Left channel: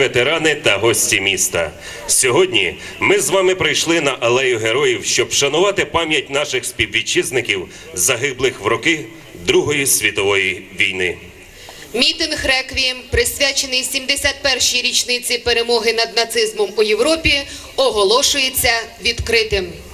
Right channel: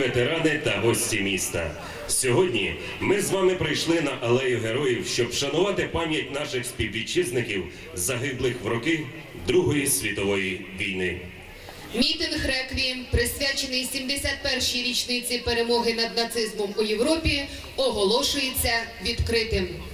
Ветерани та гості міста. Сьогодні ми з вами прийшли на алею героїв, щоб вшанувати пам'ять наших співвітчизників, загиблих в роки Другої світової війни. Мітинг Реквієм, присвячений 71-й річниці перемоги над нацизмом у Європі, оголошується відкритим. –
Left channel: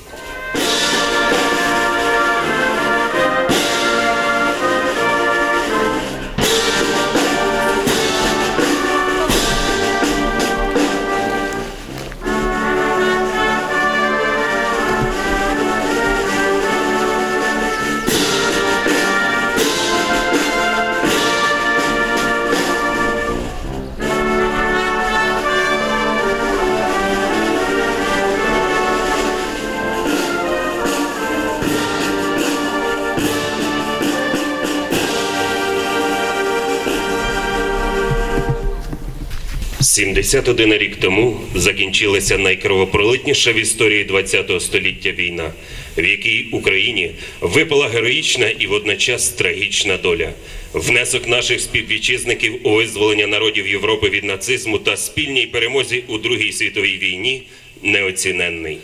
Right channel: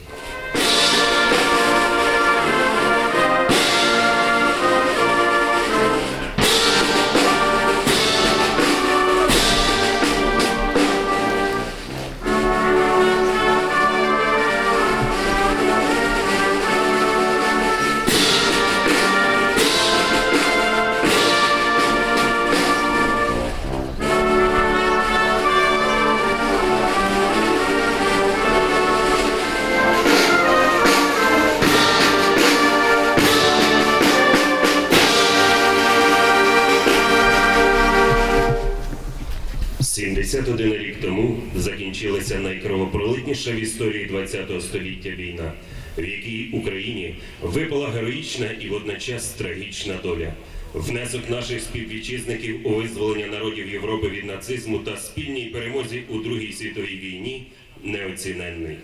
71 рік тому закінчилася найкровопролитніша в історії ХХ століття війна, в якій Україні випала героїчна і водночас трагічна доля. Внесок наших співвітчизників у визволення народів Європи від нацизму та спільній перемозі у Другій світовій війні неоціненний.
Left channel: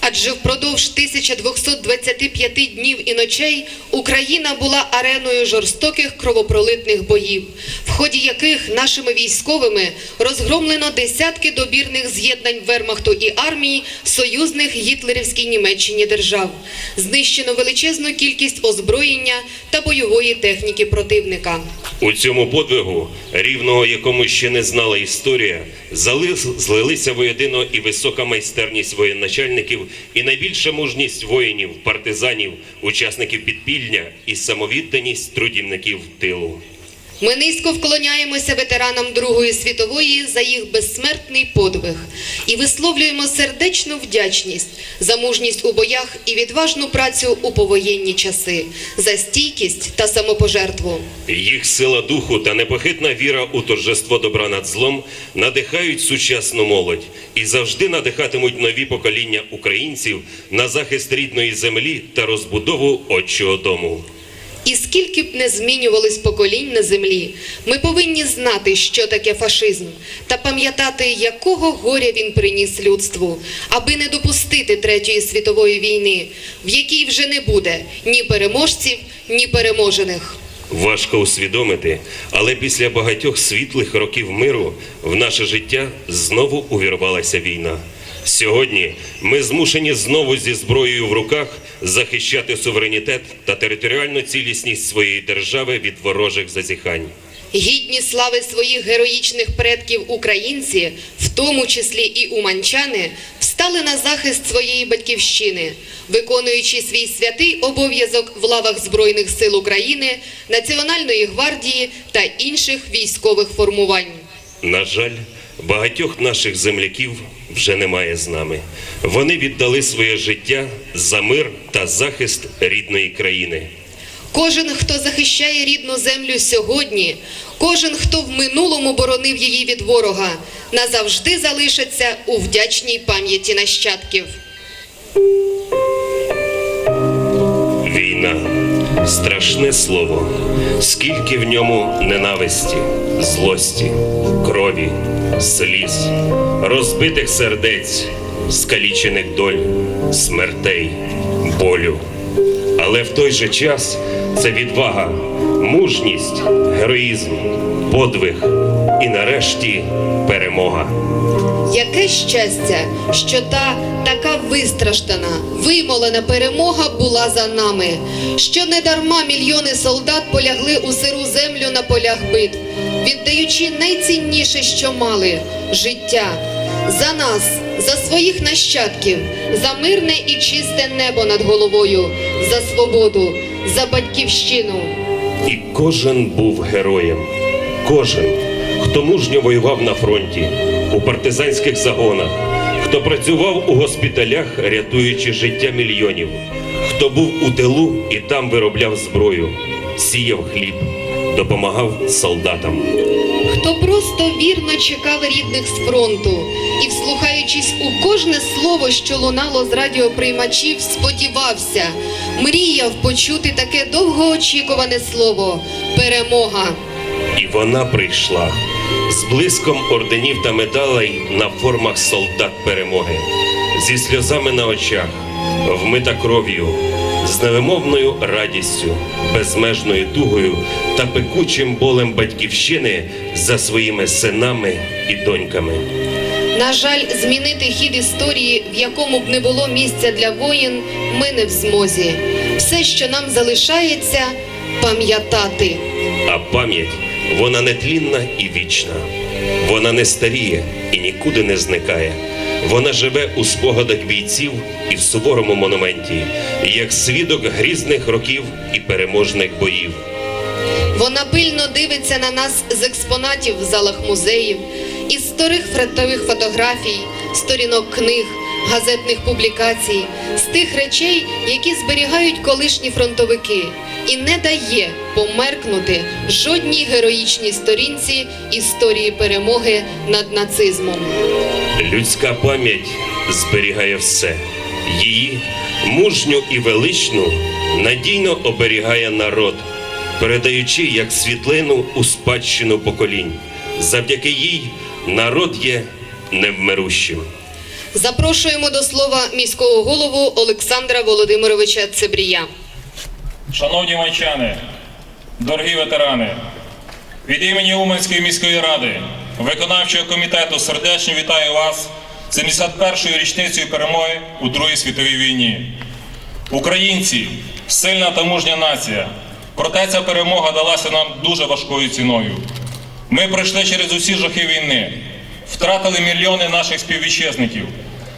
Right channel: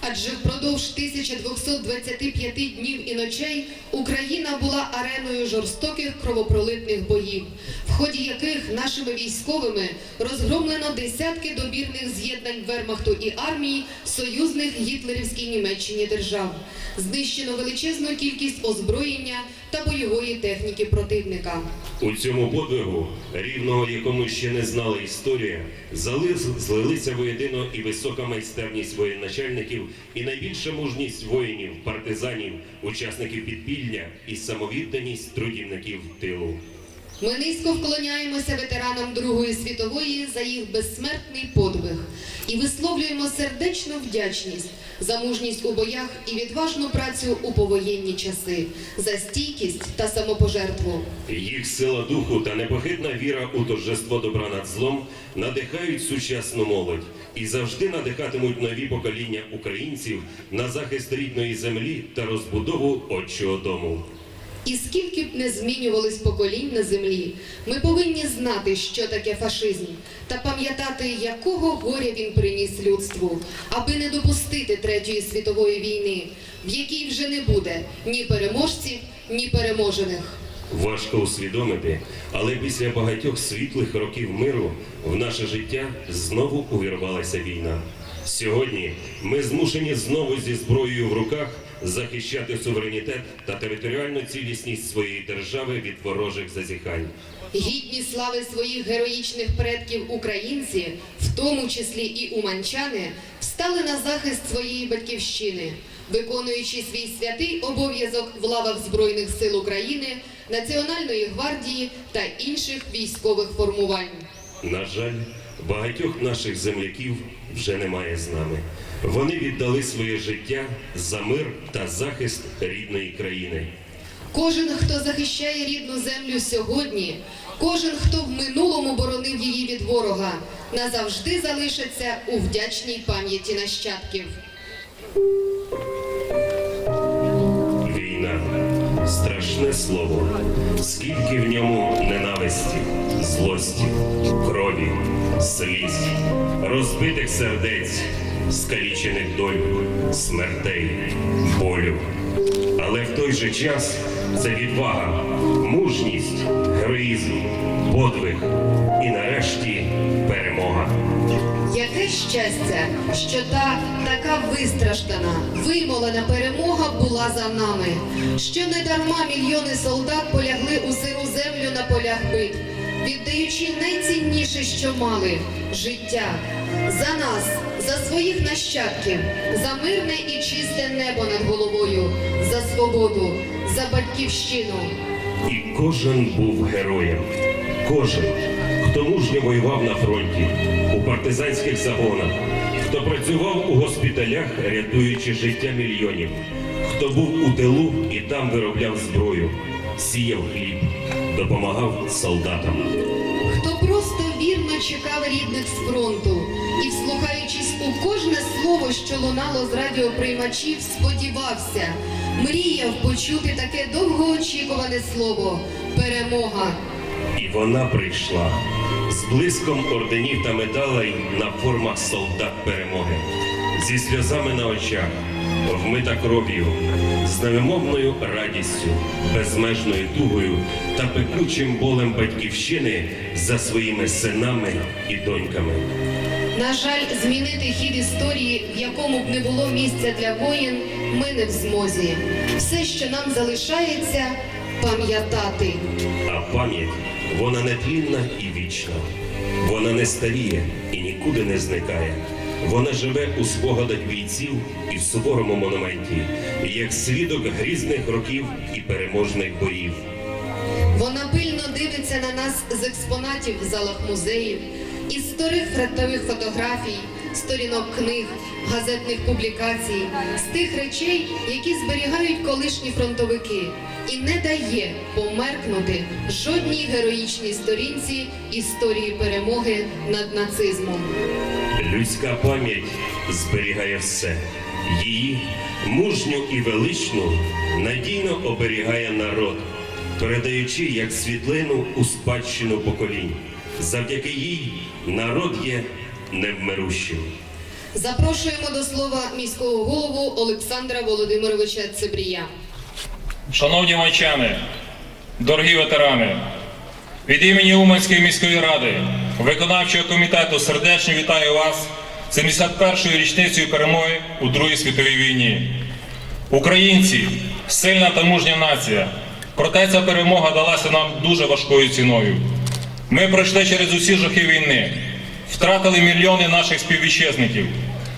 Адже впродовж 1225 днів і ночей Україна була ареною жорстоких кровопролитних боїв, в ході яких нашими військовими розгромлено десятки добірних з'єднань Вермахту і армії союзних гітлерівській Німеччині держав, знищено величезну кількість озброєння та бойової техніки противника. У цьому подвигу, рівного якому ще не знала історія, злилися воєдино і висока майстерність воєначальників, і найбільша мужність воїнів, партизанів, учасників підпільня і самовідданість трудівників тилу. Ми низько вклоняємося ветеранам Другої світової за їх безсмертний подвиг і висловлюємо сердечну вдячність за мужність у боях і відважну працю у повоєнні часи, за стійкість та самопожертву. Їх сила духу та непохитна віра у торжество добра над злом надихають сучасну молодь і завжди надихатимуть нові покоління українців на захист рідної землі та розбудову отчого дому. І скільки б не змінювались поколінь на землі, ми повинні знати, що таке фашизм, та пам'ятати, якого горя він приніс людству, аби не допустити Третьої світової війни, в якій вже не буде ні переможців, ні переможених. Важко усвідомити, але після багатьох світлих років миру в наше життя знову увірвалася війна. Сьогодні ми змушені знову зі зброєю в руках захищати суверенітет та територіальну цілісність своєї держави від ворожих зазіхань. Гідні слави своїх героїчних предків українці, в тому числі і уманчани, встали на захист своєї батьківщини, виконуючи свій святий обов'язок в лавах Збройних сил України, Національної гвардії та інших військових формувань. На жаль, багатьох наших земляків вже немає з нами. Вони віддали своє життя за мир та захист рідної країни. Кожен, хто захищає рідну землю сьогодні, кожен, хто в минулому боронив її від ворога, назавжди залишиться у вдячній пам'яті нащадків. Страшне слово, скільки в ньому ненависті, злості, крові, сліз, розбитих сердець, скалічених доль, смертей, болю. Але в той же час це відвага, мужність, героїзм, подвиг і нарешті перемога. Яке щастя, що та така вистраждана, вимолена перемога була за нами, що не дарма мільйони солдат полягли у сиру землю на полях битв, віддаючи найцінніше, що мали життя. За нас, за своїх нащадків, за мирне і чисте небо над головою, за свободу, за батьківщину. І кожен був героєм. Кожен, хто мужньо воював на фронті, у партизанських загонах, хто працював у госпіталях, рятуючи життя мільйонів, хто був у тилу і там виробляв зброю, сіяв хліб, допомагав солдатам. Хто просто вірно чекав рідних з фронту і, вслухаючись у кожне слово, що лунало з радіоприймачів, сподівався, мріяв почути таке довгоочікуване слово перемога. І вона прийшла з блиском орденів та медалей на формах солдат перемоги, зі сльозами на очах, вмита кров'ю, з невимовною радістю, безмежною тугою та пекучим болем батьківщини за своїми синами і доньками. На жаль, змінити хід історії, в якому б не було місця для воїн, ми не в змозі. Все, що нам залишається, пам'ятати. А пам'ять вона нетлінна і вічна. Вона не старіє і нікуди не зникає. Вона живе у спогадах бійців і в суворому монументі, як свідок грізних років і переможних боїв. Вона пильно дивиться на нас з експонатів в залах музеїв, із старих фронтових фотографій, сторінок книг, газетних публікацій, з тих речей, які зберігають колишні фронтовики, і не дає померкнути жодній героїчній сторінці історії перемоги над нацизмом. Людська пам'ять зберігає все. Її мужню і величну надійно оберігає народ, передаючи як світлину у спадщину поколінь. Завдяки їй народ є невмирущим. Запрошуємо до слова міського голову Олександра Володимировича Цебрія. Шановні майчани, дорогі ветерани, від імені Уманської міської ради, виконавчого комітету сердечно вітаю вас з 71-ю річницею перемоги у Другій світовій війні. Українці сильна та мужня нація. Проте ця перемога далася нам дуже важкою ціною. Ми пройшли через усі жахи війни, втратили мільйони наших співвітчизників.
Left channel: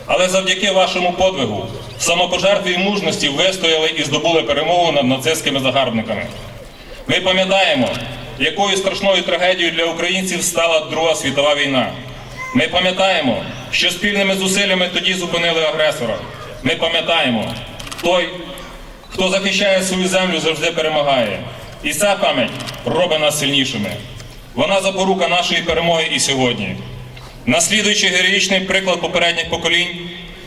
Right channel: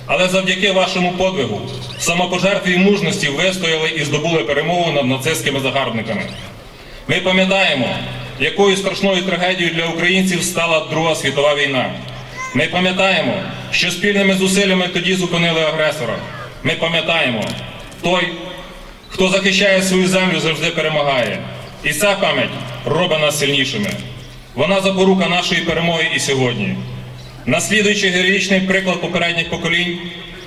Але завдяки вашому подвигу, самопожертві і мужності вистояли і здобули перемогу над нацистськими загарбниками. Ми пам'ятаємо, якою страшною трагедією для українців стала Друга світова війна. Ми пам'ятаємо, що спільними зусиллями тоді зупинили агресора. Ми пам'ятаємо, той, хто захищає свою землю, завжди перемагає. І ця пам'ять робить нас сильнішими. Вона запорука нашої перемоги і сьогодні. Наслідуючи героїчний приклад попередніх поколінь,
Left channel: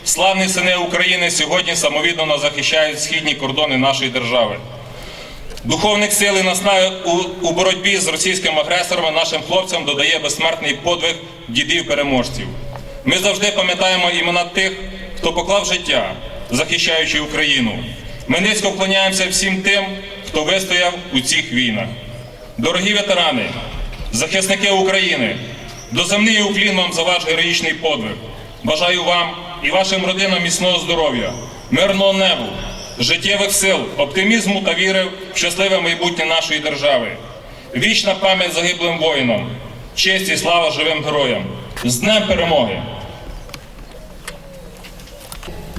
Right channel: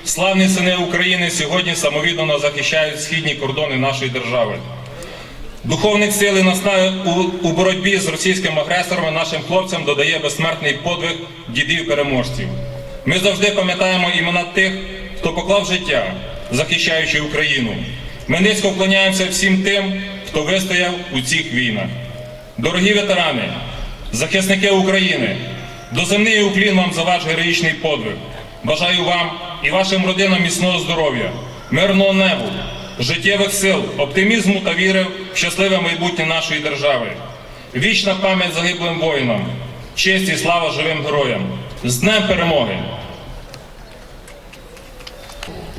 славні сини України сьогодні самовіддано захищають східні кордони нашої держави. Духовних сил і наснаги у, боротьбі з російським агресором нашим хлопцям додає безсмертний подвиг дідів-переможців. Ми завжди пам'ятаємо імена тих, хто поклав життя, захищаючи Україну. Ми низько вклоняємося всім тим, хто вистояв у цих війнах. Дорогі ветерани, захисники України, доземний уклін вам за ваш героїчний подвиг. Бажаю вам і вашим родинам міцного здоров'я, мирного небу, життєвих сил, оптимізму та віри в щасливе майбутнє нашої держави. Вічна пам'ять загиблим воїнам, честь і слава живим героям. З Днем перемоги!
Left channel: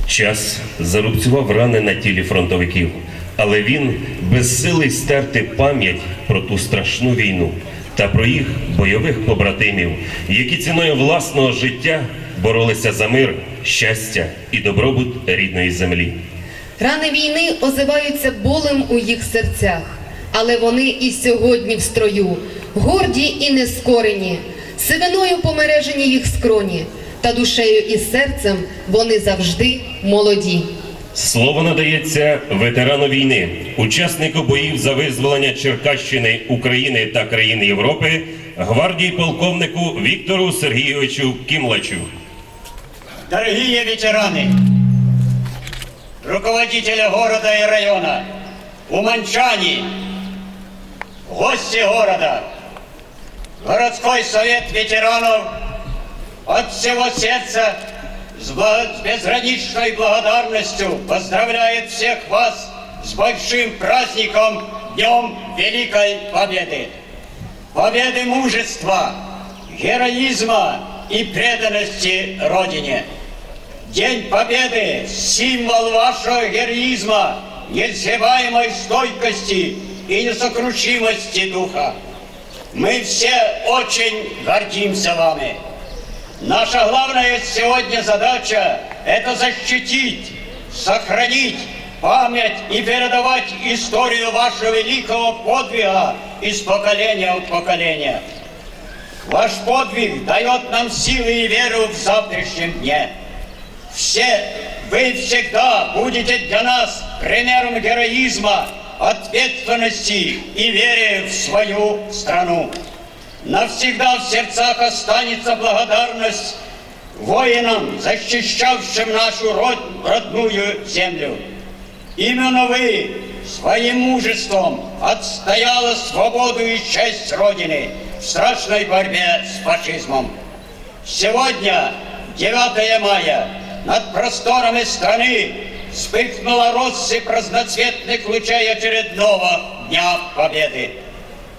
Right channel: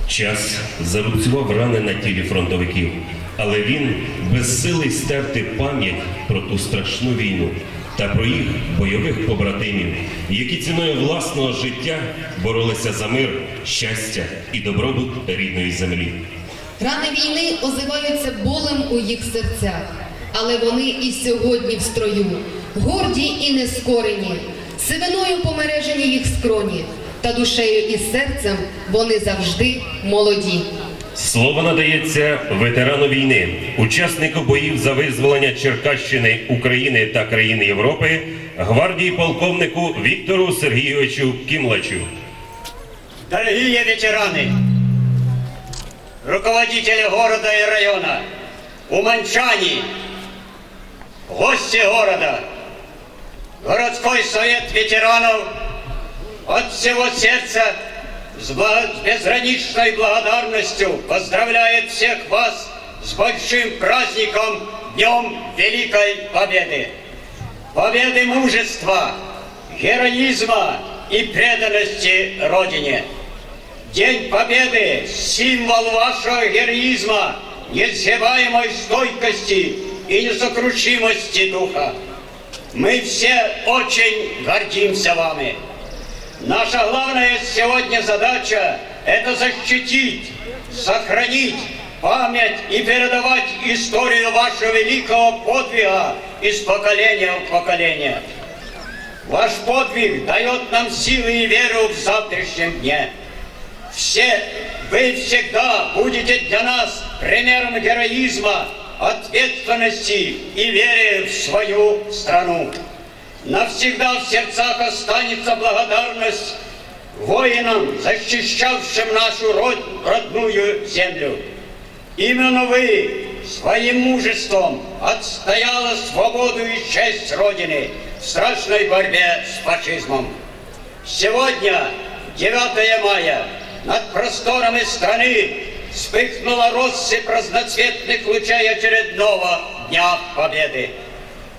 Час зарубцював рани на тілі фронтовиків, але він безсилий стерти пам'ять про ту страшну війну та про їх бойових побратимів, які ціною власного життя боролися за мир, щастя і добробут рідної землі. Рани війни озиваються болем у їх серцях, але вони і сьогодні в строю, горді і нескорені, сивиною помережені їх скроні, та душею і серцем вони завжди молоді. Слово надається ветерану війни, учаснику боїв за визволення Черкащини, України та країн Європи, гвардії полковнику Віктору Сергійовичу Кімлачу. Дорогие ветераны, руководители города и района, уманчане, гости города, городской совет ветеранов от всего сердца с, безграничной благодарностью поздравляет всех вас с большим праздником Днем Великой Победы. Победы мужества, героизма и преданности Родине. День Победы – символ вашего героизма, несгибаемой стойкости и несокрушимости духа. Мы все очень гордимся вами. Наша главная сегодня задача – это защитить, сохранить память и передавать историю вашего великого подвига из поколения в поколение. Ваш подвиг дает нам силы и веру в завтрашнем дне. Все, вы всегда будете для нас примером героизма, ответственности и веры в свою страну. навсегда в сердцах останется благодарность воинам, защищавшим нашу род- родную землю. Именно вы своим мужеством отстояла свободу и честь Родины в страшной борьбе с фашизмом. Сегодня, 9 мая, над просторами страны вспыхнула россыпь разноцветных лучей очередного Дня Победы.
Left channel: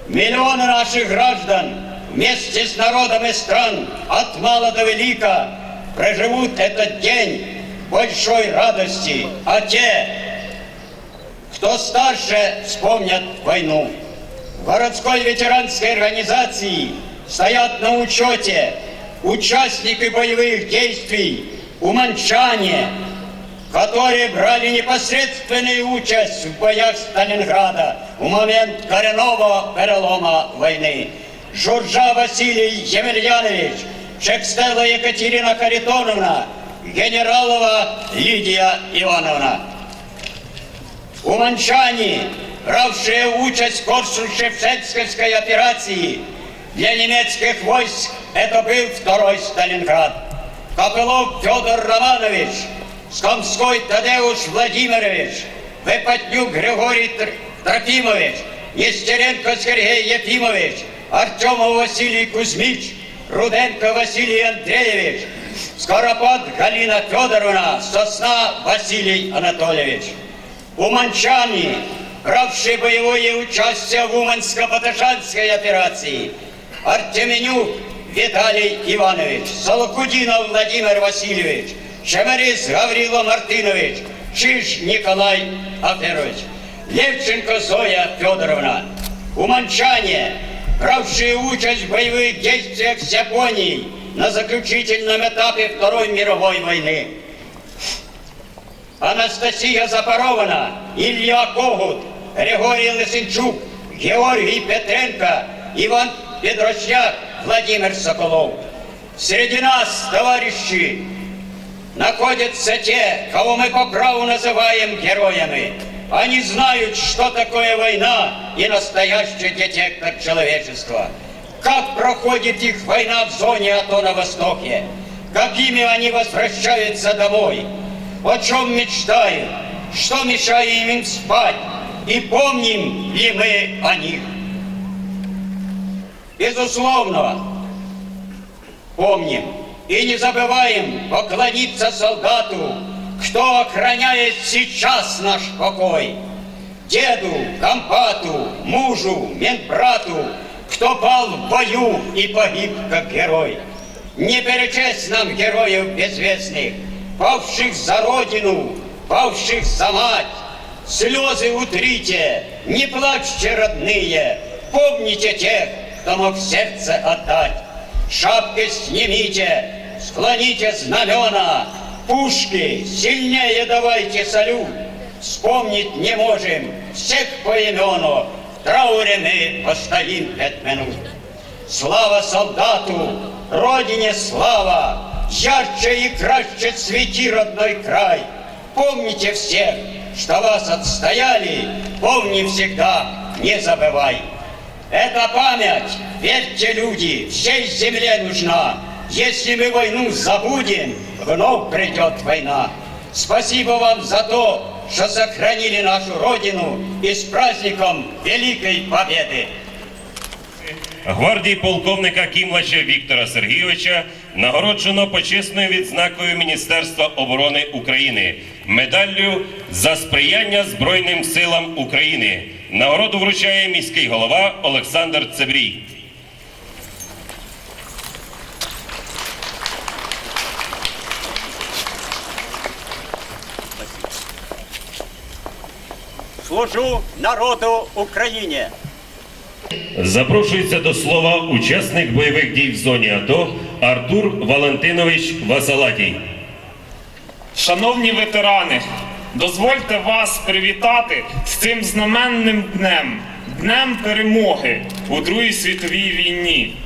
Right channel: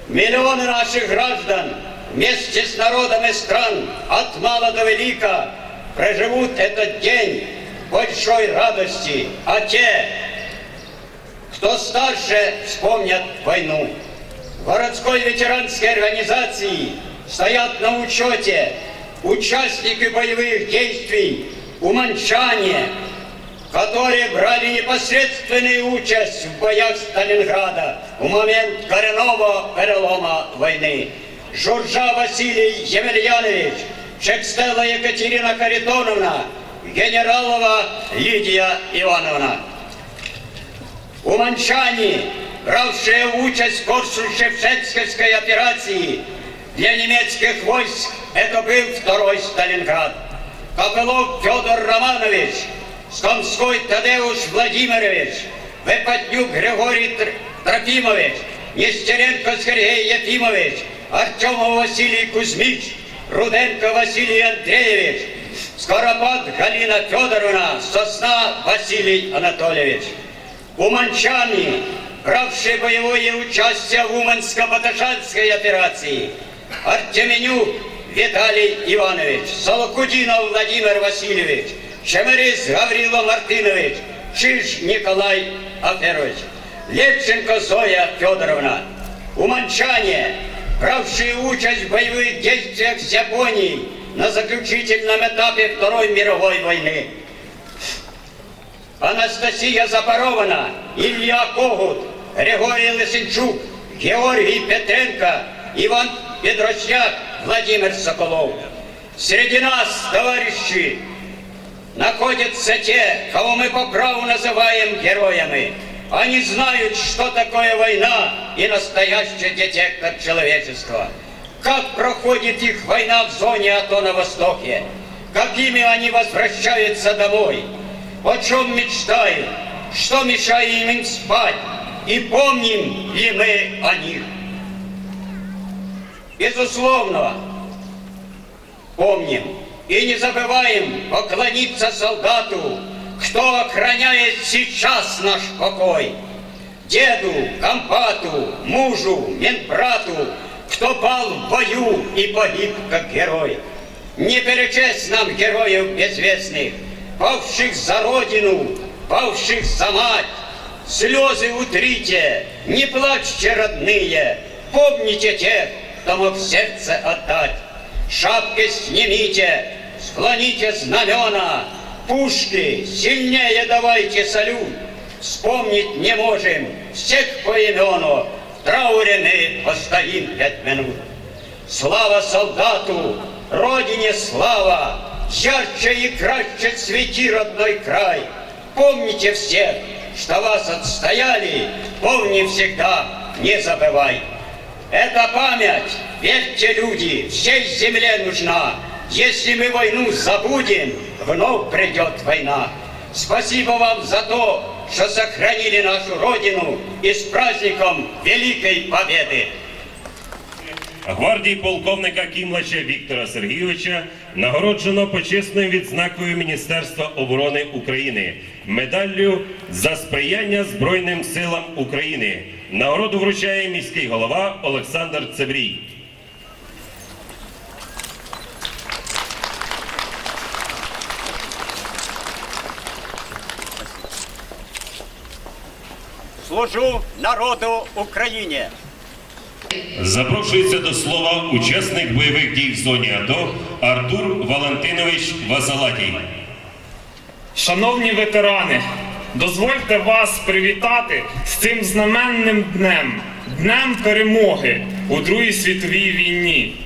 Миллионы наших граждан вместе с народами стран от мала до велика проживут этот день в большой радости, а те, кто старше, вспомнят войну. В городской ветеранской организации стоят на учете участники боевых действий, уманчане, которые брали непосредственную участь в боях Сталинграда в момент коренного перелома войны. Журжа Василий Емельянович, Чекстела Екатерина Харитоновна, генералова Лидия Ивановна. Уманчане, бравшие участь в Корсунь-Шевченской операции, для немецких войск это был второй Сталинград. Копылов Федор Романович, Скомской Тадеуш Владимирович, Выпотнюк Григорий Тр- Трофимович, Нестеренко Сергей Ефимович, Артемов Василий Кузьмич, Руденко Василий Андреевич, Скоропад Галина Федоровна, Сосна Василий Анатольевич. Уманчане, бравшие боевое участие в Уманско-Баташанской операции, Артеменюк Виталий Иванович, Солокудинов Владимир Васильевич, Шемерис Гаврила Мартынович, Чиж Николай Аферович, Левченко Зоя Федоровна, Уманчане, бравшие участь в боевых действиях с Японией на заключительном этапе Второй мировой войны. Анастасия Запорована, Илья Когут, Григорий Лисенчук, Георгий Петренко, Иван Петросяк, Владимир Соколов. Среди нас, товарищи, находятся те, кого мы по праву называем героями. Они знают, что такое война и настоящий детектор человечества. Как проходит их война в зоне АТО на Востоке. Какими они возвращаются домой. О чем мечтают. Что мешает им спать. И помним ли мы о них. Безусловно, помним и не забываем поклониться солдату, кто охраняет сейчас наш покой. Деду, компату, мужу, медбрату, кто пал в бою и погиб как герой. Не перечесть нам героев безвестных, павших за родину, павших за мать. Слезы утрите, не плачьте, родные, помните тех, кто мог сердце отдать. Шапки снимите, склоните знамена, пушки сильнее давайте салют. Вспомнить не можем всех поимену, в трауре мы постоим пять минут. Слава солдату, родине слава, ярче и краще цвети родной край. Помните всех, что вас отстояли, помни всегда, не забывай. Эта память, верьте, люди, всей земле нужна. Если мы войну забудем, вновь придет война. Спасибо вам за то, что сохранили нашу Родину и с праздником Великой Победы! Гвардії полковника Кімлача Віктора Сергійовича нагороджено почесною відзнакою Міністерства оборони України медаллю за сприяння Збройним силам України. Нагороду вручає міський голова Олександр Цебрій. Служу народу Україні! Запрошується до слова учасник бойових дій в зоні АТО Артур Валентинович Васалатій. Шановні ветерани, дозвольте вас привітати з цим знаменним днем, днем перемоги у Другій світовій війні.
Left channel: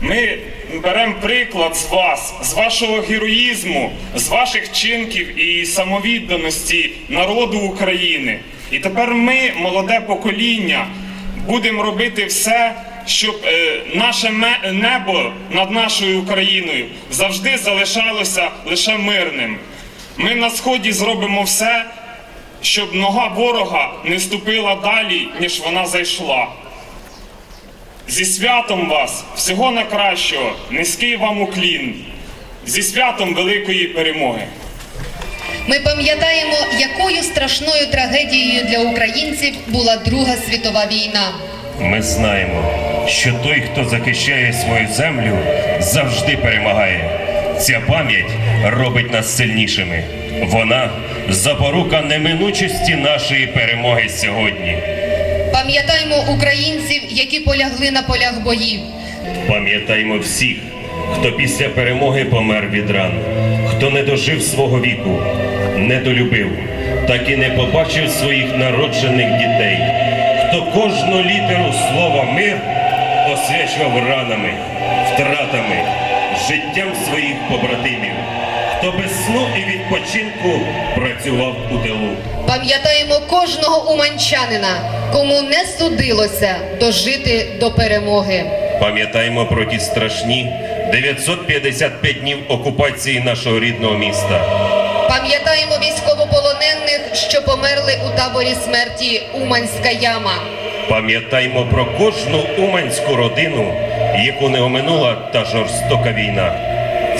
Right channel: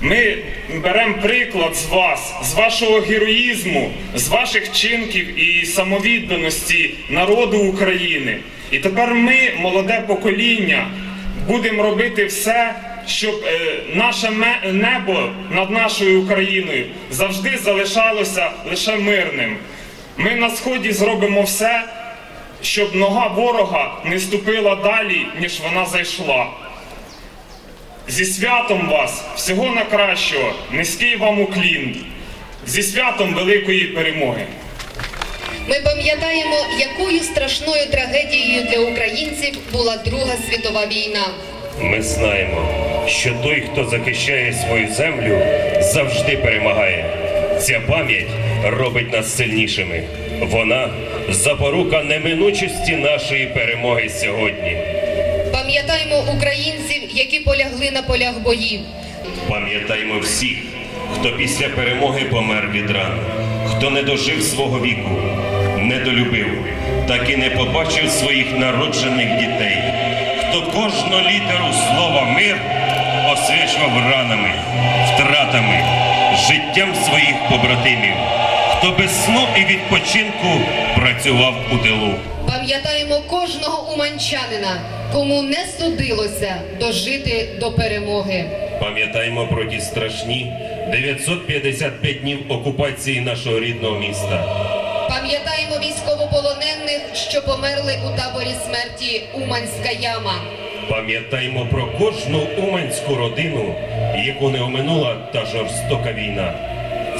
Ми беремо приклад з вас, з вашого героїзму, з ваших вчинків і самовідданості народу України. І тепер ми, молоде покоління, будемо робити все щоб е, наше небо над нашою Україною завжди залишалося лише мирним. Ми на сході зробимо все, щоб нога ворога не ступила далі, ніж вона зайшла. Зі святом вас, всього найкращого, низький вам уклін, зі святом великої перемоги. Ми пам'ятаємо, якою страшною трагедією для українців була Друга світова війна. Ми знаємо, що той, хто захищає свою землю, завжди перемагає. Ця пам'ять робить нас сильнішими. Вона запорука неминучості нашої перемоги сьогодні. Пам'ятаємо українців, які полягли на полях боїв. Пам'ятаймо всіх, хто після перемоги помер від ран, хто не дожив свого віку, не долюбив, так і не побачив своїх народжених дітей, хто кожну літеру слова мир освячував ранами, втратами, життям своїх побратимів, хто без сну і відпочинку працював у тилу. Пам'ятаємо кожного уманчанина, кому не судилося дожити до перемоги. Пам'ятаємо про ті страшні 955 днів окупації нашого рідного міста. Пам'ятаємо військовополонених, що померли у таборі смерті Уманська яма. Пам'ятаймо про кожну уманську родину, яку не оминула та жорстока війна.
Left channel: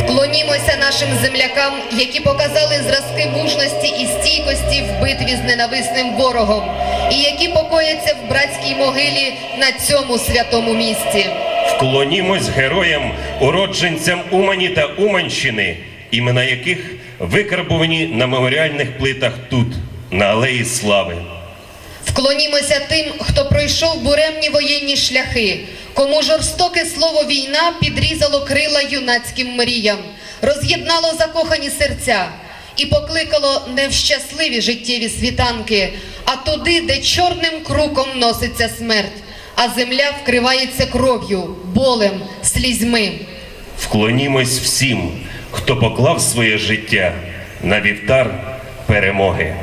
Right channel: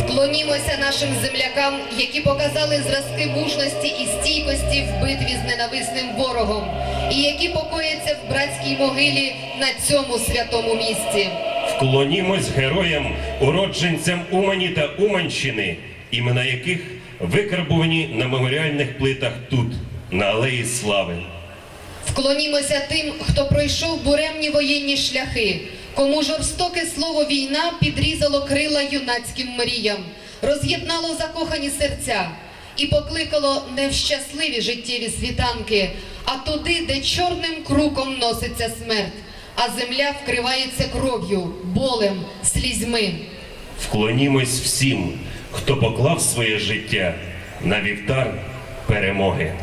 Вклонімося нашим землякам, які показали зразки мужності і стійкості в битві з ненависним ворогом, і які покояться в братській могилі на цьому святому місці. Вклонімось героям, уродженцям Умані та Уманщини, імена яких викарбувані на меморіальних плитах тут, на Алеї Слави. Вклонімося тим, хто пройшов буремні воєнні шляхи, кому жорстоке слово війна підрізало крила юнацьким мріям, роз'єднало закохані серця і покликало не в щасливі життєві світанки, а туди, де чорним круком носиться смерть, а земля вкривається кров'ю, болем, слізьми. Вклонімось всім, хто поклав своє життя на вівтар перемоги.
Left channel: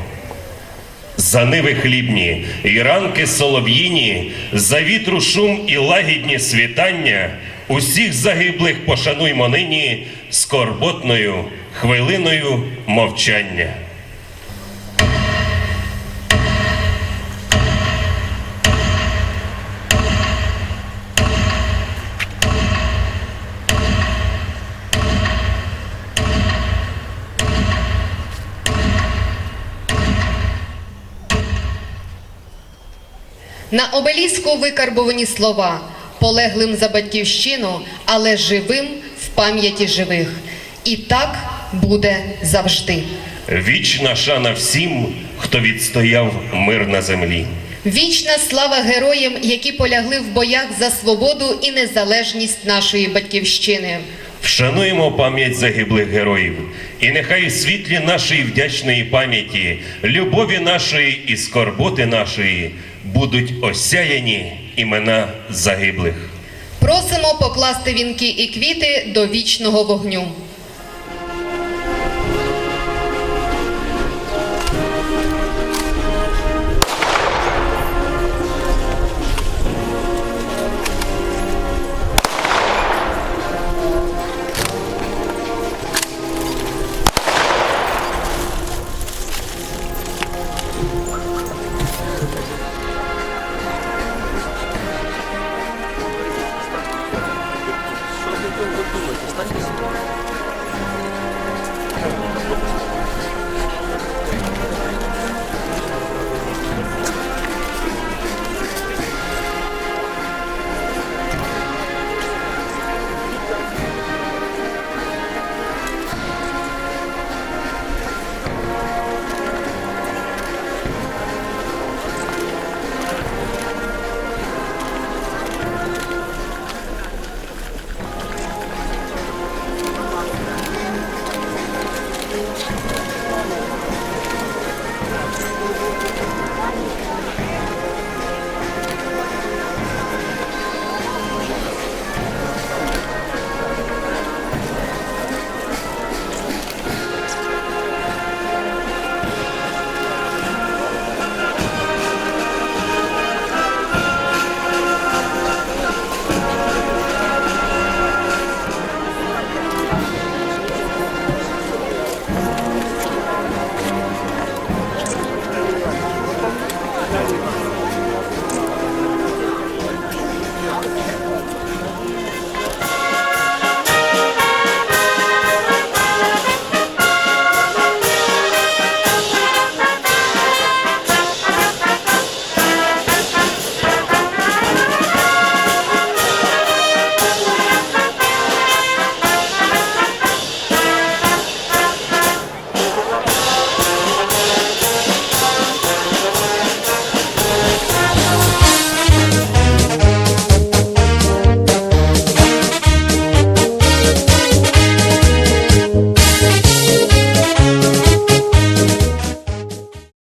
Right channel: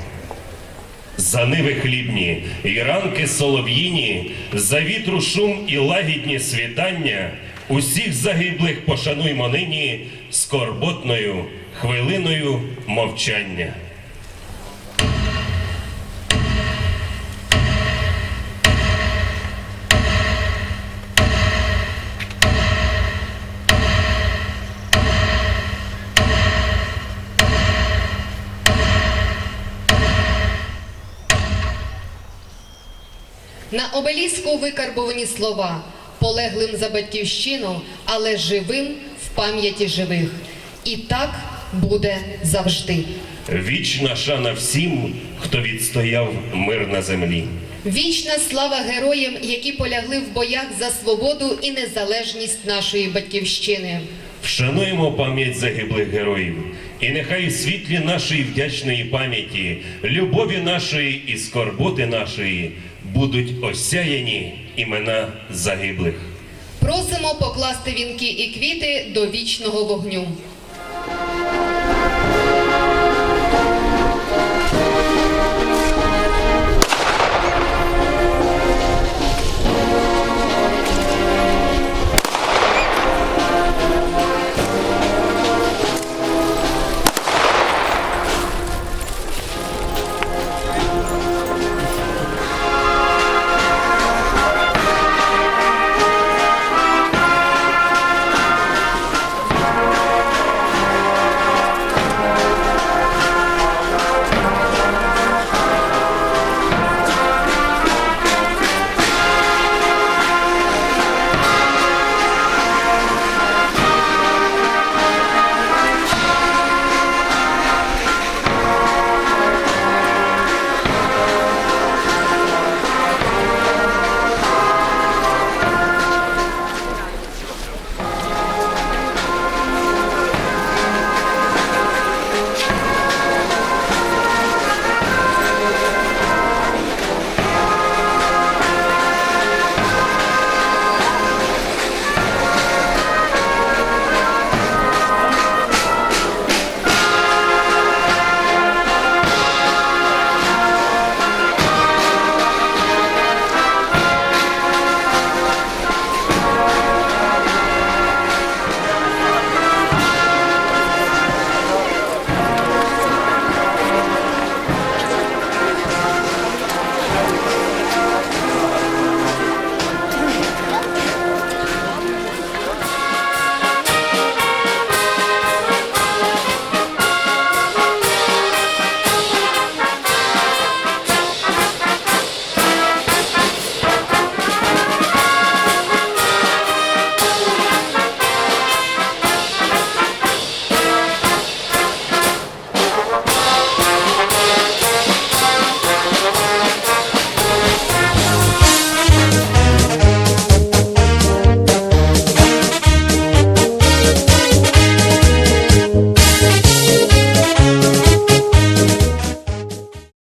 За ниви хлібні і ранки солов'їні, за вітру шум і лагідні світання, усіх загиблих пошануймо нині скорботною хвилиною мовчання. На обеліску викарбовані слова полеглим за батьківщину, але живим в пам'яті живих. І так буде завжди. Вічна шана всім, хто відстояв мир на землі. Вічна слава героям, які полягли в боях за свободу і незалежність нашої батьківщини. Вшануємо пам'ять загиблих героїв, і нехай світлі нашої вдячної пам'яті, любові нашої і скорботи нашої будуть осяяні імена загиблих. Просимо покласти вінки і квіти до вічного вогню.